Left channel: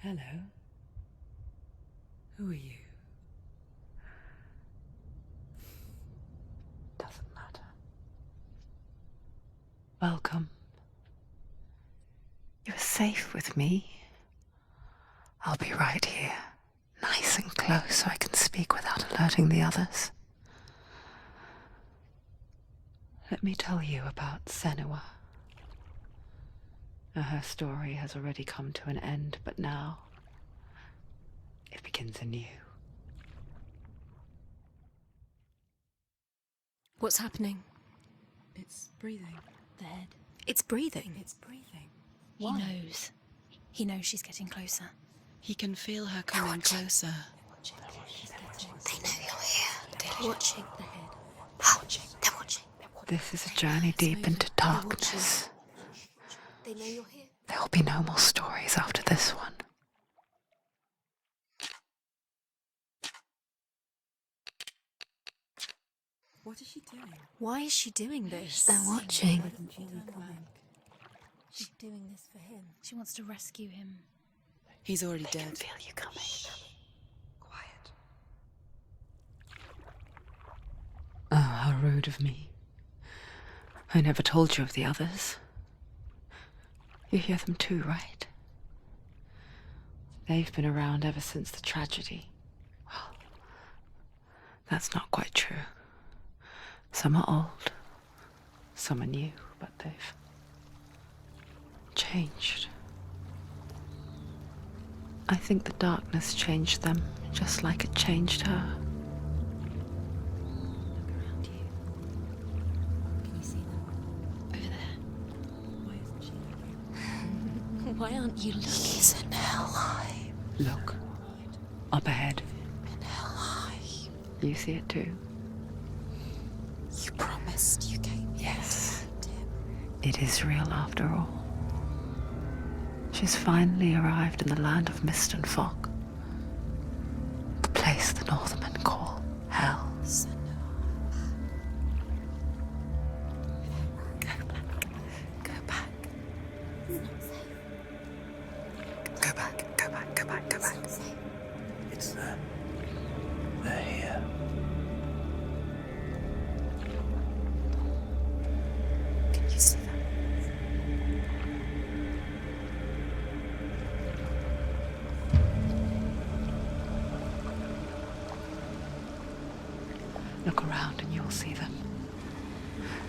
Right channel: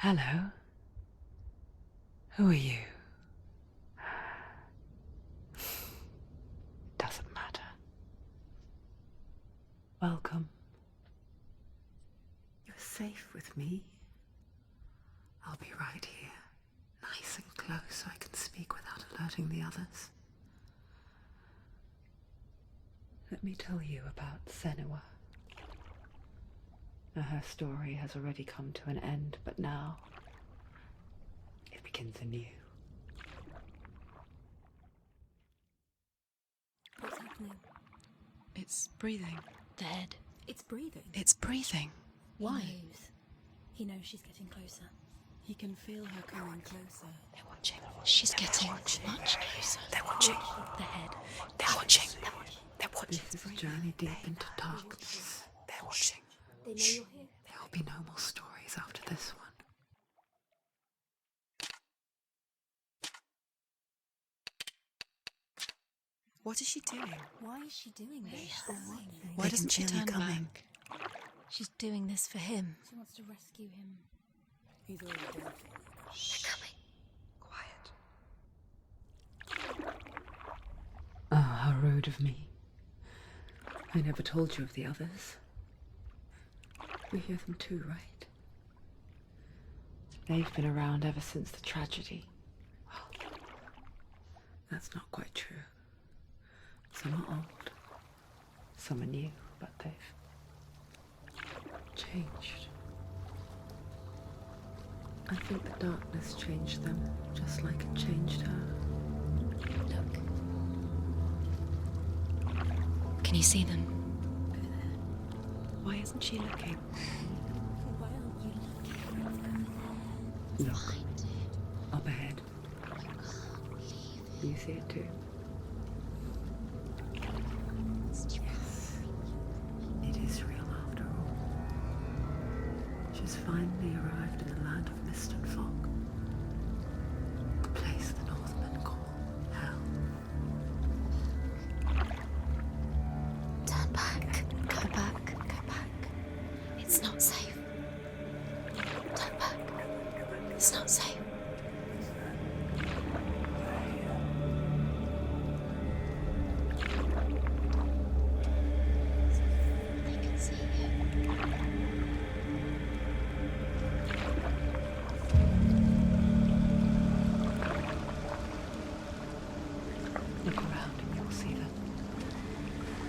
Hello. Who are you? Doesn't matter. Welcome. You're safe with me. I'll be right here, nice and close so I can speak without alerting the others. Let me tell you about Senua. Her story has already come to an end, but now it begins anew. What's happening? It's breathing. The head. It's breathing. It's breathing. Why? He knows. He knows she's getting closer. He can feel her coming closer. They're watching. She's getting closer. They're Watching watching. the head. They're watching. They're watching. They're watching. This is a journey deep into darkness. They're watching. They know you're here. There'll be no more stories after this one. What is she doing? Why is she doing this? They're watching. Why They doesn't she can feel you turn coming. back? She's doing this for him. She wants to rescue him. He's already dead. Feel you coming. Quiet. Oh, how rude of me. I never told you of the others. You hear them too, right? They've been around ever since the tragedy. Well, that's not quite true. Some are old, some are new, but they've changed. I think the darkness changed them, just like it changed her. Look around you. Can you see them? Over there. Why isn't she looking? Why aren't you looking? He's in hell high. Look, up ahead. Hell high. You see it too? You promised you came. Yes. It is real after all. She's finally arrived in the land of mist and fog. The place the Northmen call Hell. Turn back. Go back. Go back. It's not safe. Go back. Go back. Go back. Go It's back. not safe. It's them. They're here. Can you see them? You can see it. Look around and you'll see them.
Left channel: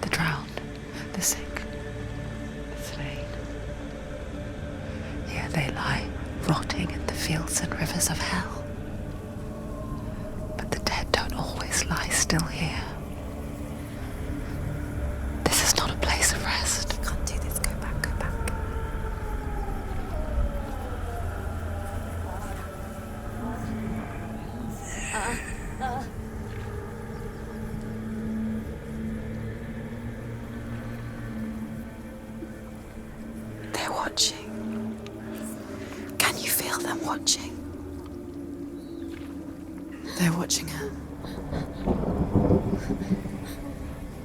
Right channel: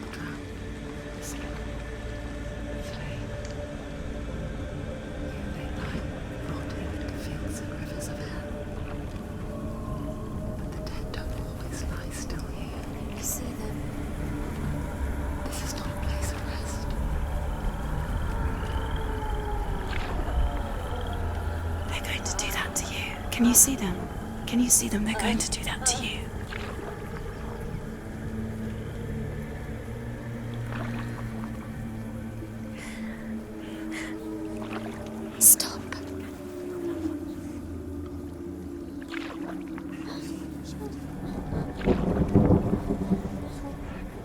The drowned, the sick, the slain. Here they lie, rotting in the fields and rivers of hell. But the dead don't always lie still here. You see them. This is not a place of rest. You can't do this. Go back. Go back. They're going to do that to you. Can you see them? Can you see them? They're going to do that to you. They're watching. Stop. Can you feel them watching? They're watching her.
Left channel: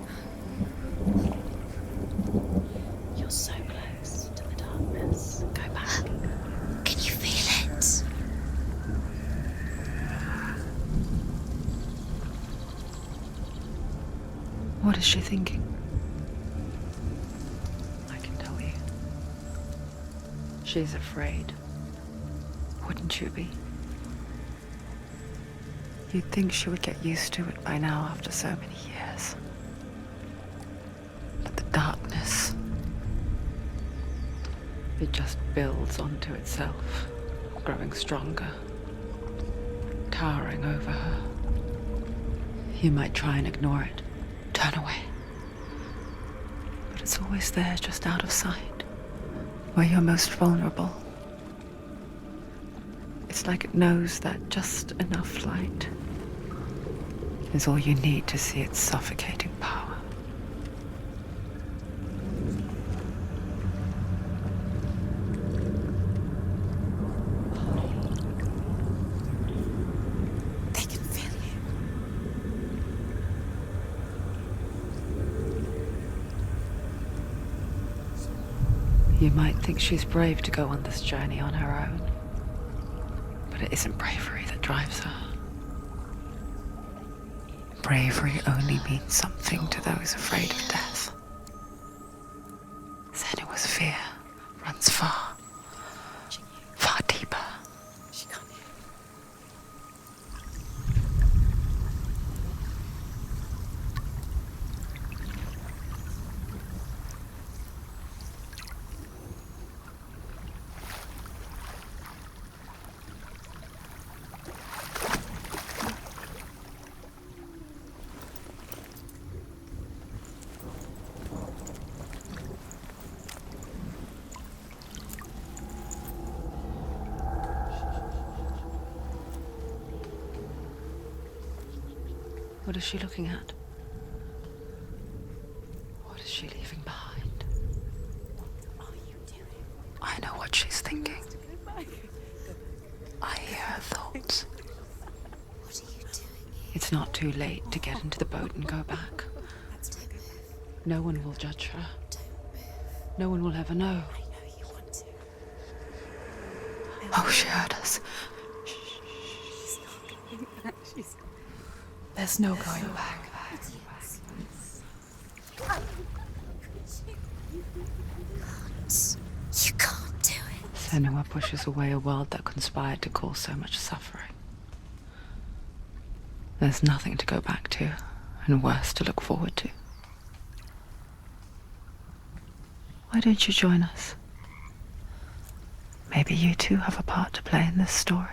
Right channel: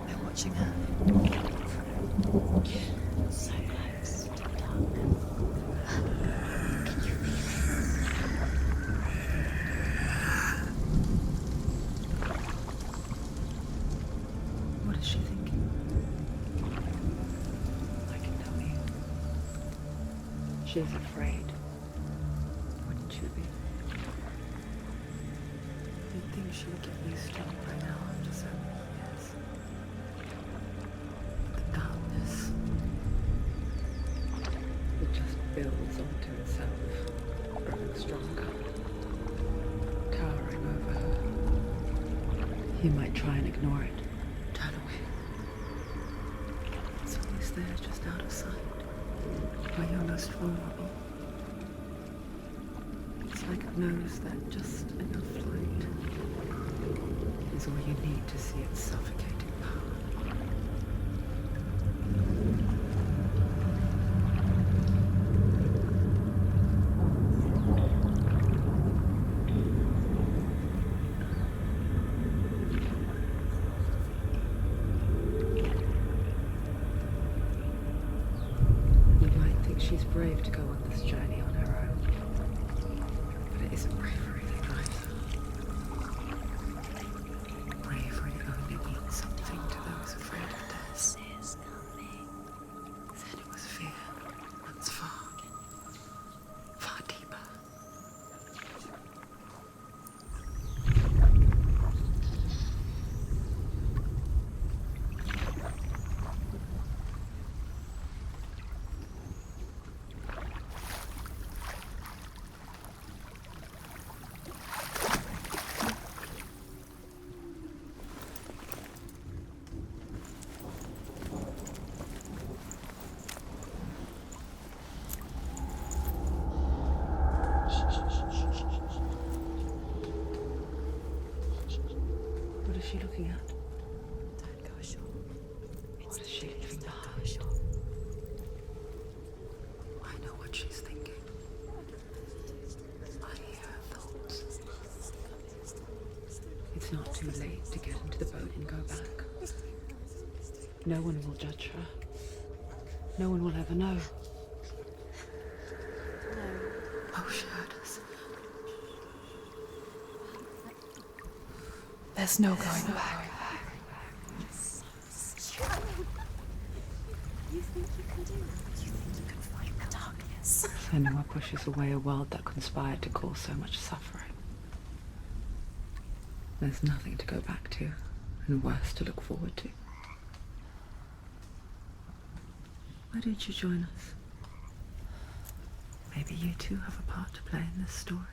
They're watching her. You're so close to the darkness. Go back. Can you feel it? What is she thinking? I can tell you. She's afraid. Wouldn't you be? You'd think she would get used to it by now after so many years. But the darkness, it just builds onto itself, growing stronger, towering over her. You might try and ignore it, turn away. But it's always there, just out of sight, where you're most vulnerable. It's like it knows that just enough light is all you need to see its suffocating power. They can feel you. You might think she's brave to go on this journey on her own. But it isn't bravery that drives her. Bravery only means something to those afraid of death. Senua's fear runs far, far deeper. What is she looking at? What is she leaving behind? I know what she's thinking. I hear her thoughts. It's not too late to get into the boat and go back. No one will judge her. No one will ever know. Oh, she heard us. There's no going back. You can't do it. Senua pushes away a world that conspired to cause so much suffering. There's nothing to go back to, and worse to look forward to. Why don't you join us? Maybe you too have a part to play in this story.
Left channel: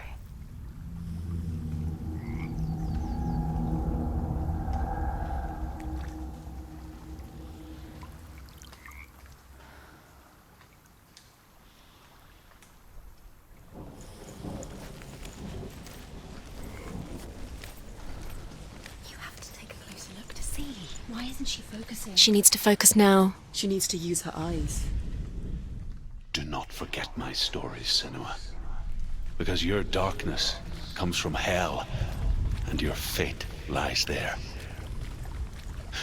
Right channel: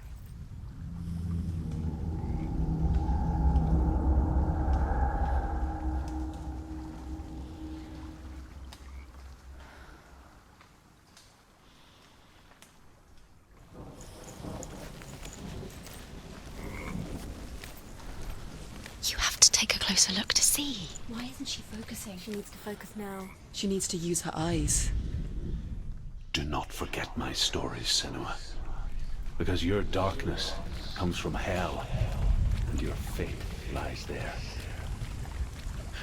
You have to take a closer look to see. Why isn't she focusing? She needs to focus now. She needs to use her eyes. Do not forget my stories, Senua. Because your darkness comes from hell, and your fate lies there.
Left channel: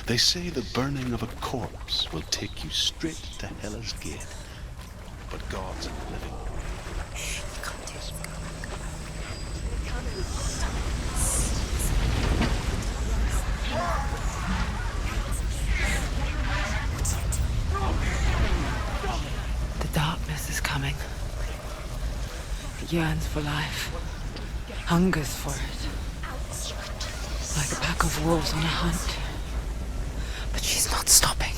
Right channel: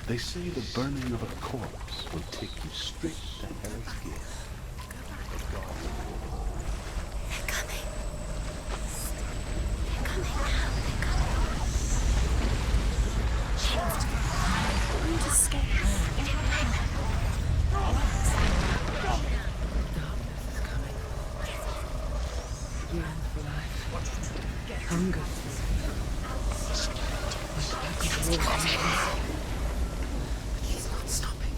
They say the burning of a corpse will take you straight to Hell's Gate. The gods of the living. The darkness is coming. It yearns for life, hungers for it, like a pack of wolves on the hunt. But she's not stopping.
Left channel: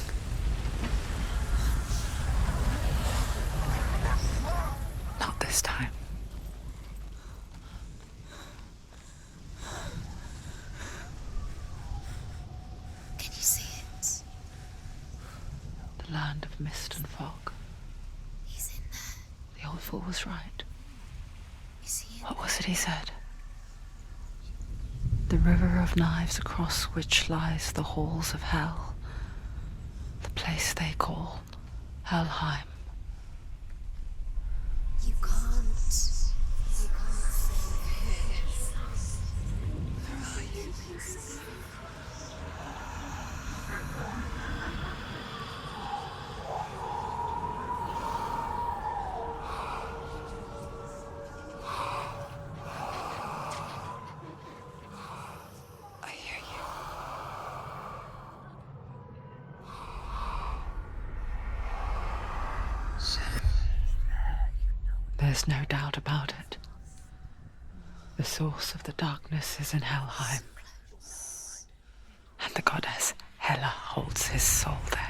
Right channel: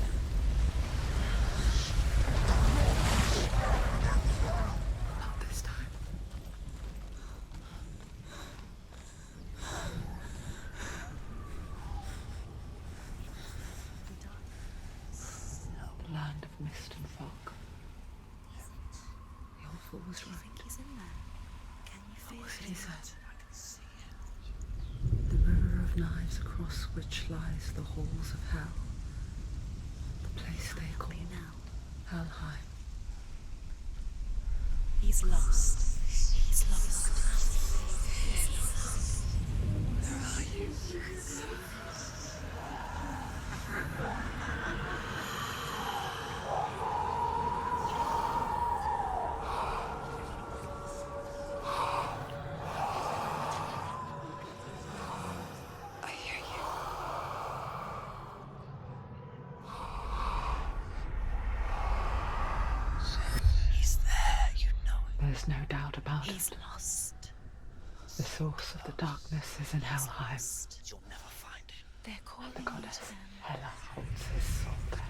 Not this time. Can you see it? The land of mist and fog. He's in there. The old fool was right. You see him? What was it he said? The river of knives across which lies the halls of hell. The place they call Helheim. He's lost. He's lost. Where are you? I hear you. He's there, you know it. There's no doubt about He's it. lost. The source of the darkness is in Helheim, and the goddess Hela holds his soul there.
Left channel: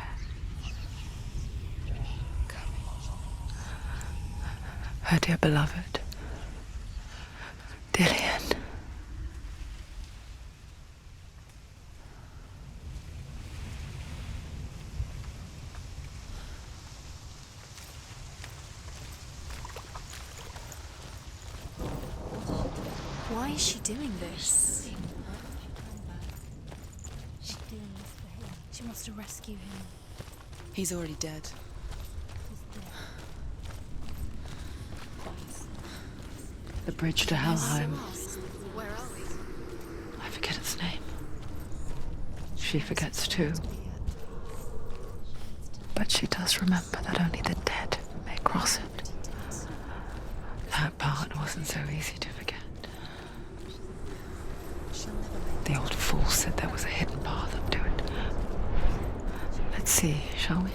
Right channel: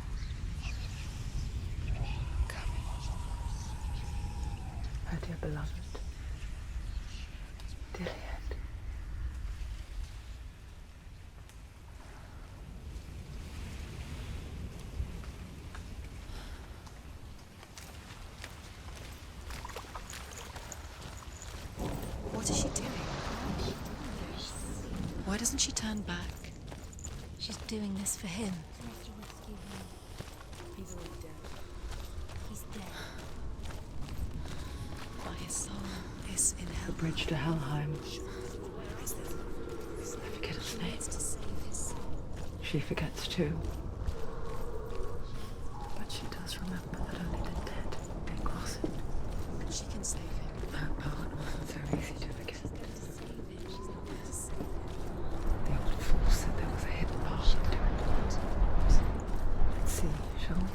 Her dear beloved, Dillian. What is she doing? Why is she doing this? Why doesn't she turn back? She's doing this for him. She wants to rescue him. He's already dead. He's dead. My son is in The hell. bridge to Helheim. I forget its name. She forgets too. But she does remember that only the dead may cross it. That part wasn't so easy to forget. show me?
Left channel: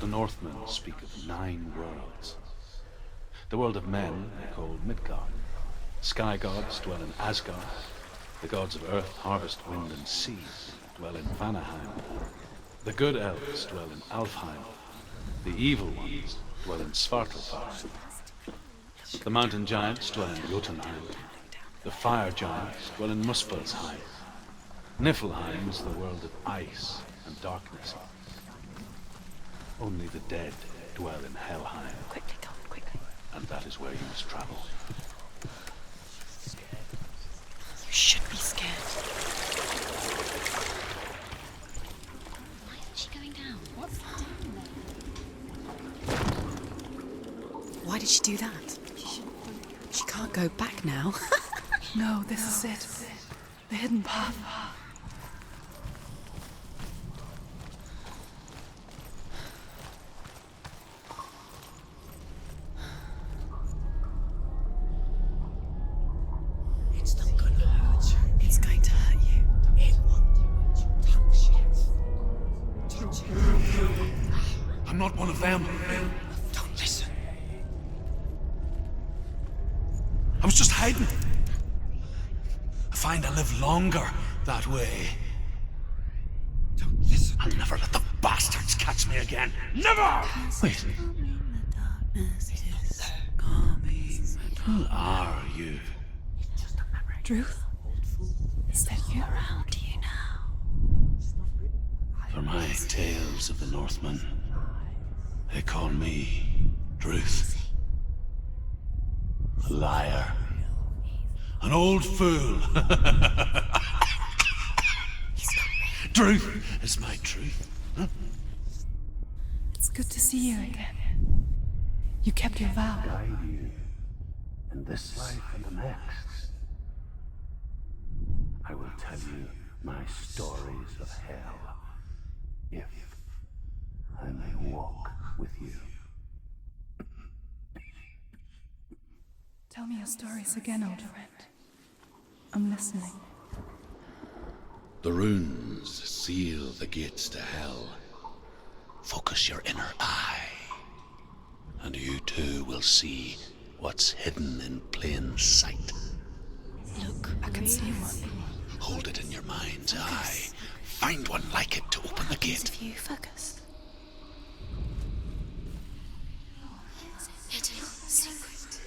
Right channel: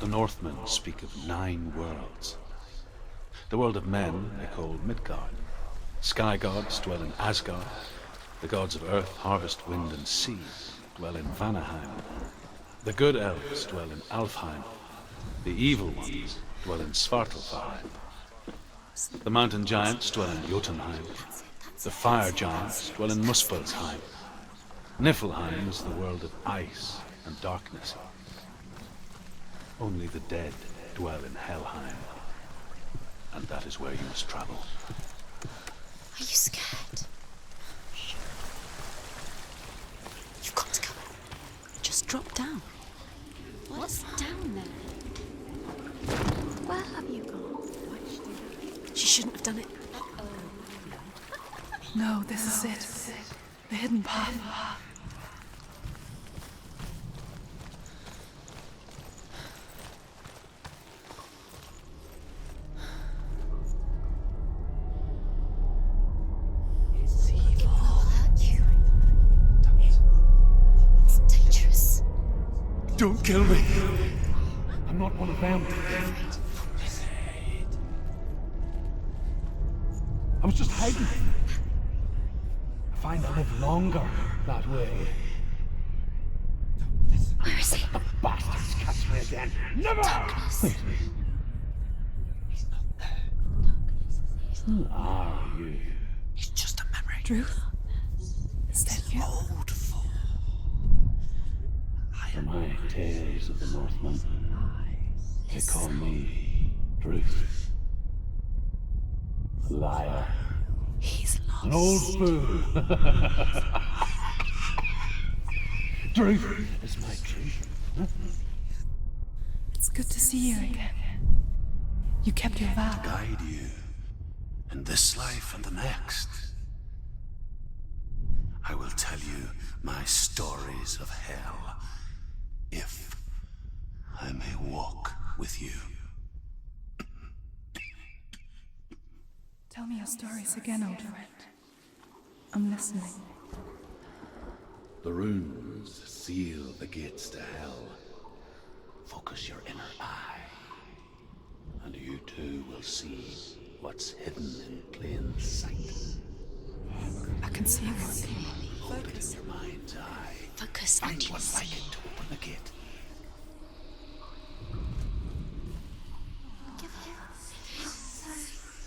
The Northmen speak of 9 worlds. The world of men they call Midgard. Sky gods dwell in Asgard. The gods of earth, harvest, wind, and sea dwell in Vanaheim. The good elves dwell in Alfheim. The evil ones dwell in Svartalfheim. The mountain giants dwell in Jotunheim. The fire giants dwell in Muspelheim. Niflheim is the world of ice and darkness. Only the dead dwell in Helheim. And that is where you must travel. Are you scared? You should be scared. You've got to go. Just drop down. Where's she going now? What's down there? Where have you gone? Why did she do that? She shouldn't have done it. She can't go back now. No, this is it. The hidden path. It's going to hurt you. It's dangerous. Don't kill me. I'm not one of them. Don't listen. I was just hiding. I find I live longer that way. Don't listen. Never let the bastards catch me again. Never! Wait. Who are you? It's just a memory. Druth? Is that you? For my tales of the Northmen, they call me Druth. A liar. He's lost. An old fool. Druth is my truth. It's good to see you again. You kept your vow. Guide you in this life and the next. I will tell you my stories of hell, if I may walk with you. Tell me your stories again, old friend. I'm listening. The runes seal the gates to hell. Focus your inner eye, and you too will see what's hidden in plain sight. Look, I can see one. Hold it in your mind's eye. Focus. Find one like it to open the gate. You focus. It is secret.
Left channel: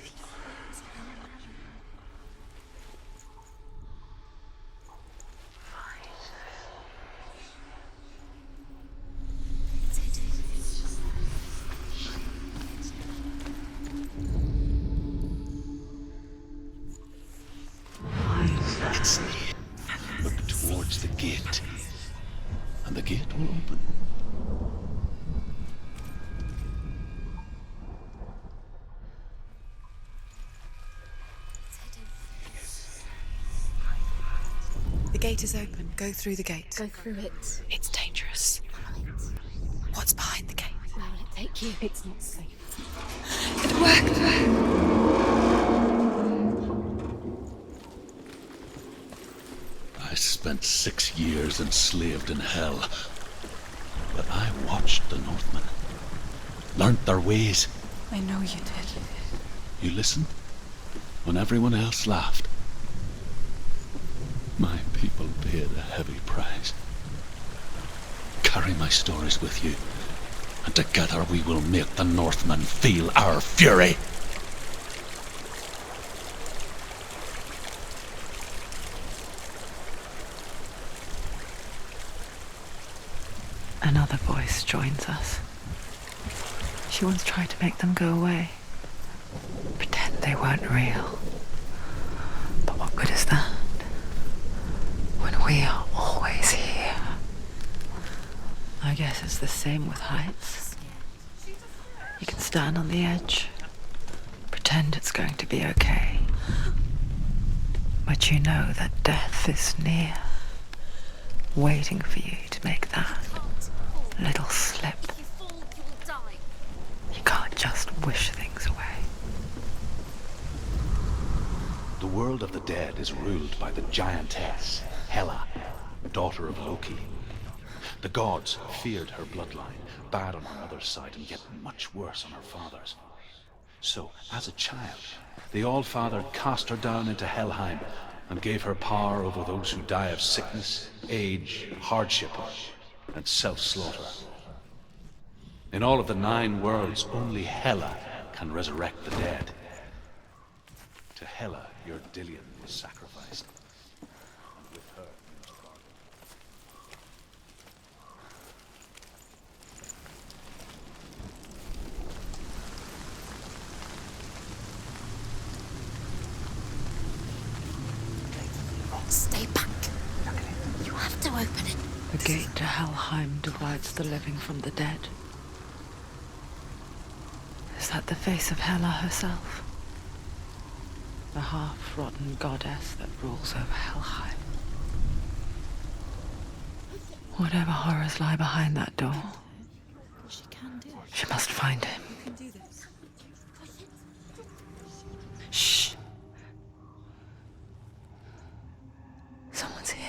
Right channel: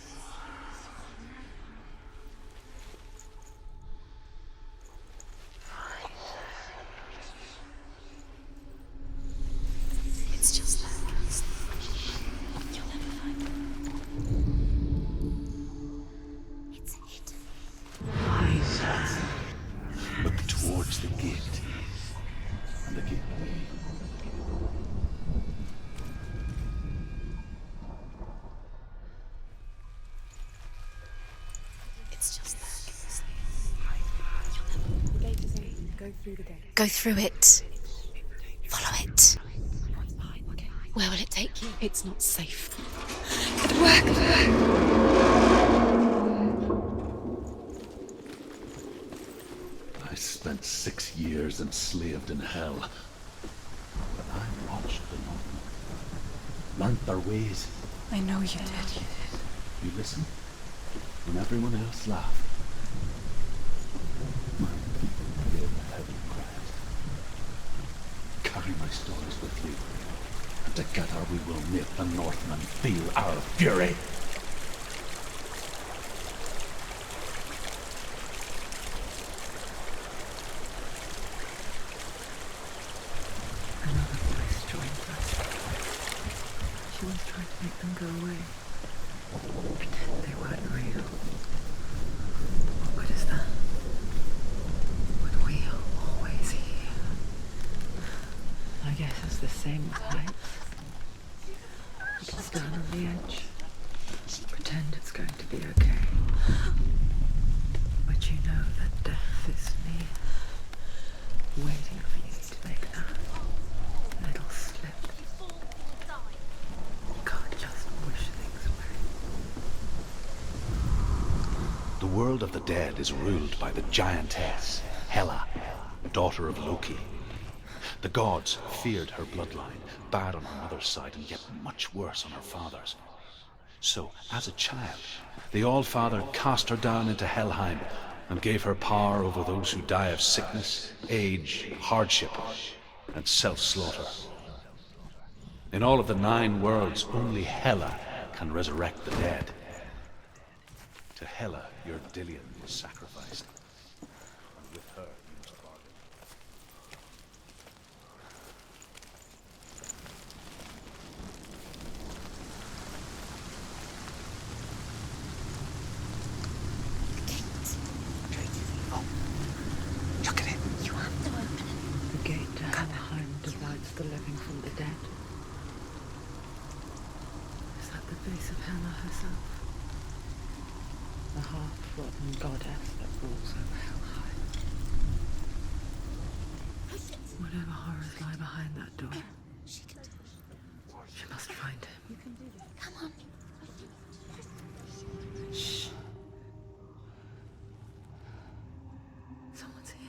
It's just that. It's near. Look towards the gate, and the gate will open. It's just that. The gate is open. Go through the gate. Go through it. It's dangerous. Follow it. What's behind the gate? Where will it take you? It's not safe. It worked! I spent 6 years enslaved in hell, but I watched the Northmen, learnt their ways. I know you did. You listened when everyone else laughed. My people paid a heavy price. Carry my stories with you, and together we will make the Northmen feel our fury. Another voice joins us. She once tried to make them go away. Pretend they weren't real. But what good is that? When we are always here. I guess it's the same with heights. You can stand on the edge, pretend it's going to be okay. But you know that death is near, waiting for you to make that little slip. You can't just wish things away. The world of the dead is ruled by the giantess, Hela, daughter of Loki. The gods feared her bloodline, bad on her mother's side and yet much worse on her father's. So, as a child, the All-Father cast her down into Helheim and gave her power over those who die of sickness, age, hardship, and self-slaughter. In all of the 9 worlds, only Hela can resurrect the dead. To Hela, your Dillion was sacrificed. And with her, you must bargain. Stay back. Look at it. You have to open it. The gate to Helheim divides the living from the dead. Is that the face of Hela herself? The half-rotten goddess that rules over Helheim. Whatever horrors lie behind that door, she must find him. Shh. Someone's here.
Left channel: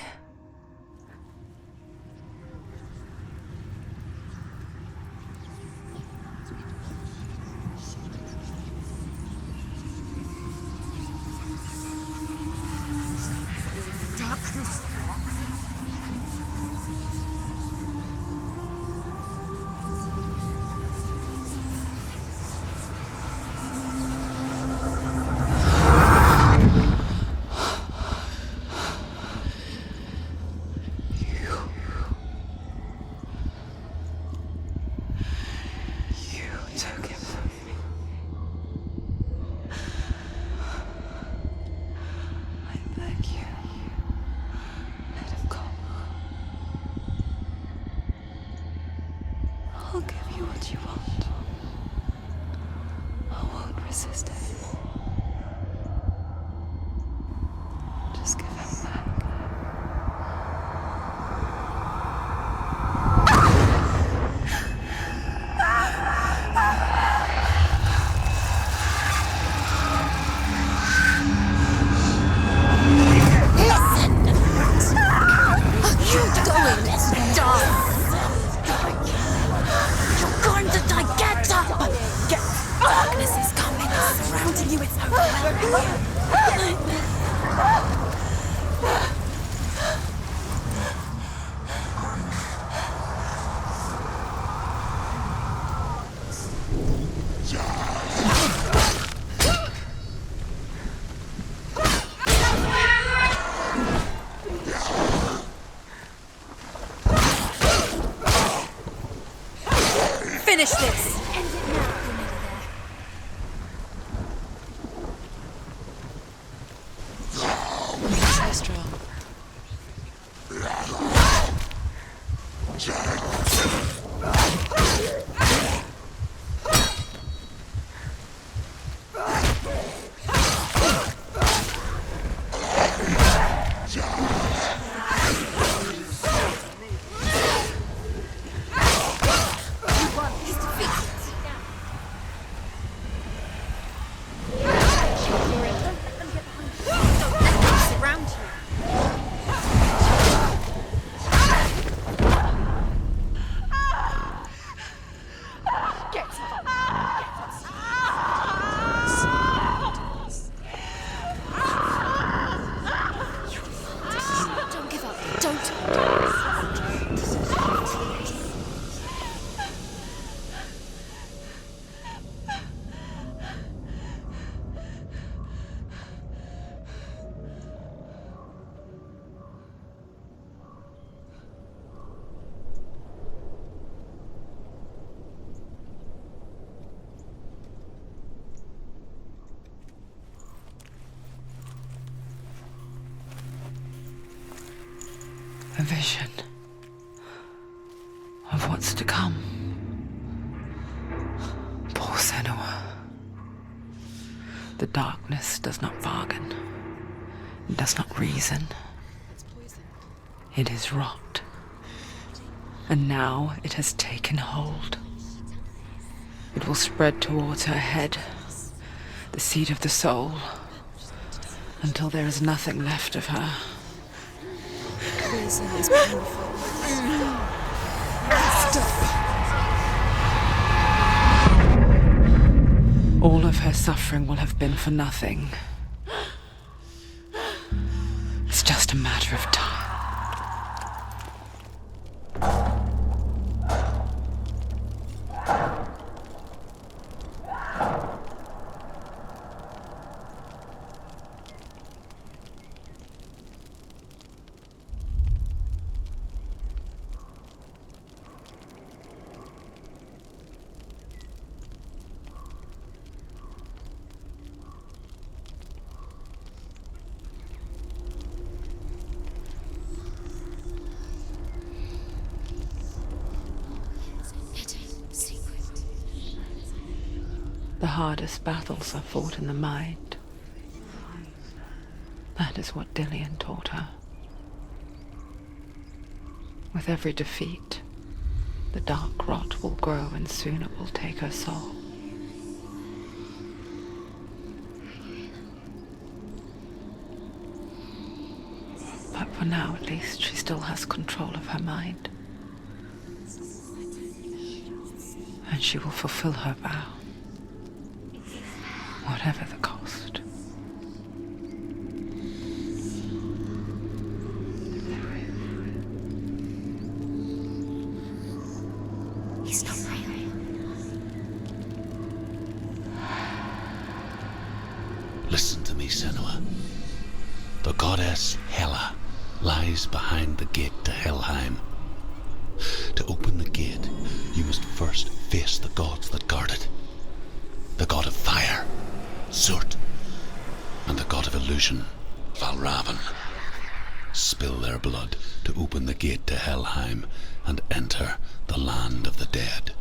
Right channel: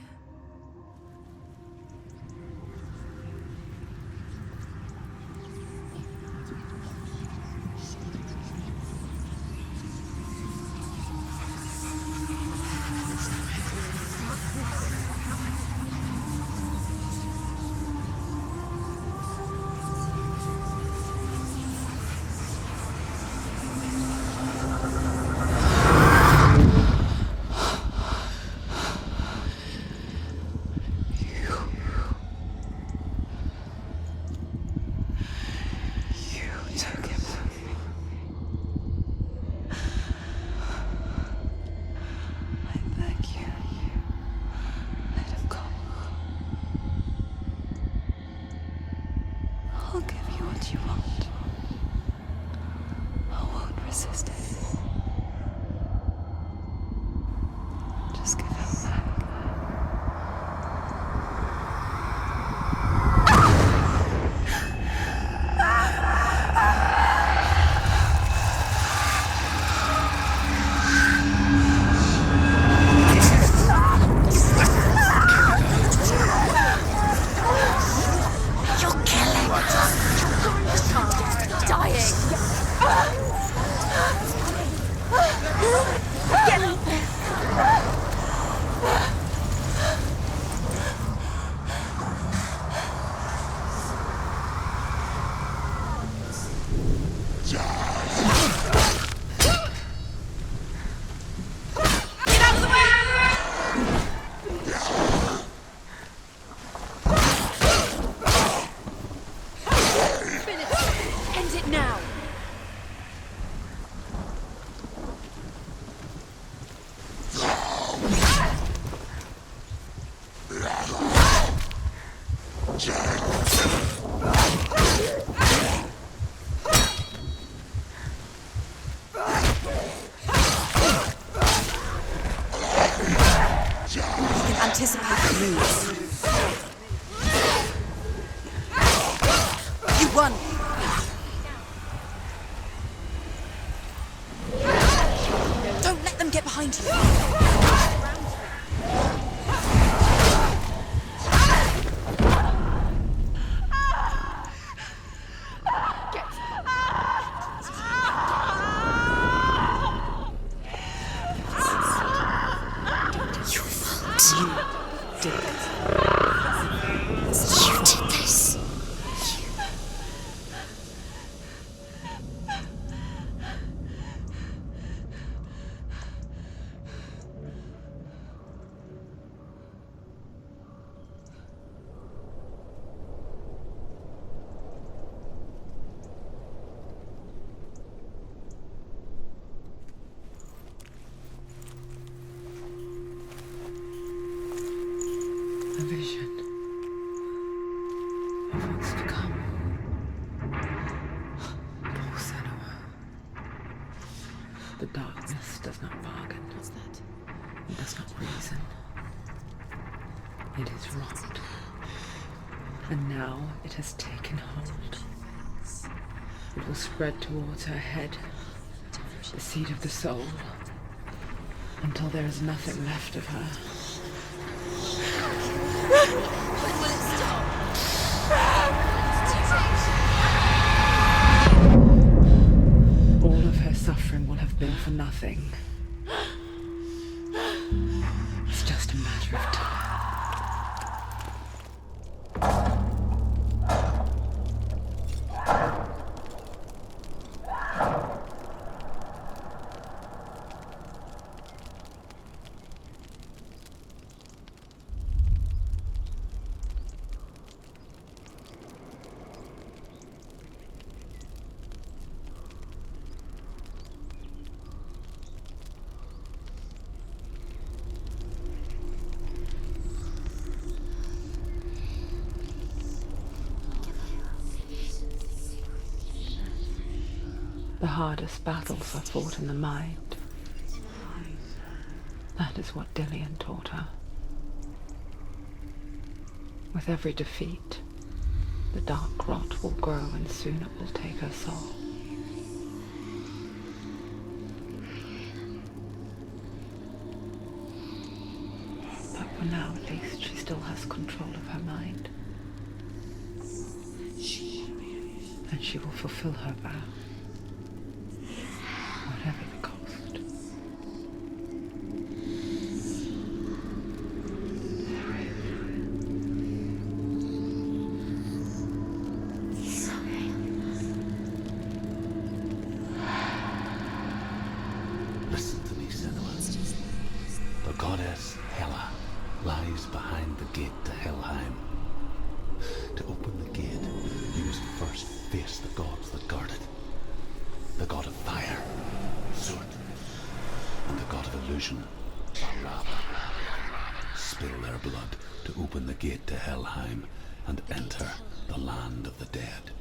I'll give you what you want. I won't resist anymore. Just give him back. Finish this! End it now! Don't let them get behind you. Around you. Don't give up. Don't. You did this. A vision of what's to come. Poor Senua. The darkness does not bargain. It does not reason. It is rot. And now it has taken hold. It will spread towards her head, the seat of the soul, Until there is nothing left of her. Reason is painful. All of her suffering will have been for nothing. It's just a matter of time. The hardest battles are fought in the mind. That is what Dillian taught her. With every defeat, the dark rot will grow and soon it will take her soul. But for now, at least, she still has control of her mind. And she will fulfill her vow. Whatever the cost. He's not moving. Listen to me, Senua. The goddess Hela lies behind the gate to Helheim. To open the gate, you must first face the gods that guard it. The god of fire, Zurt, and the god of illusion, Valravan. Spill their blood to open the gate to Helheim and enter the land of the dead.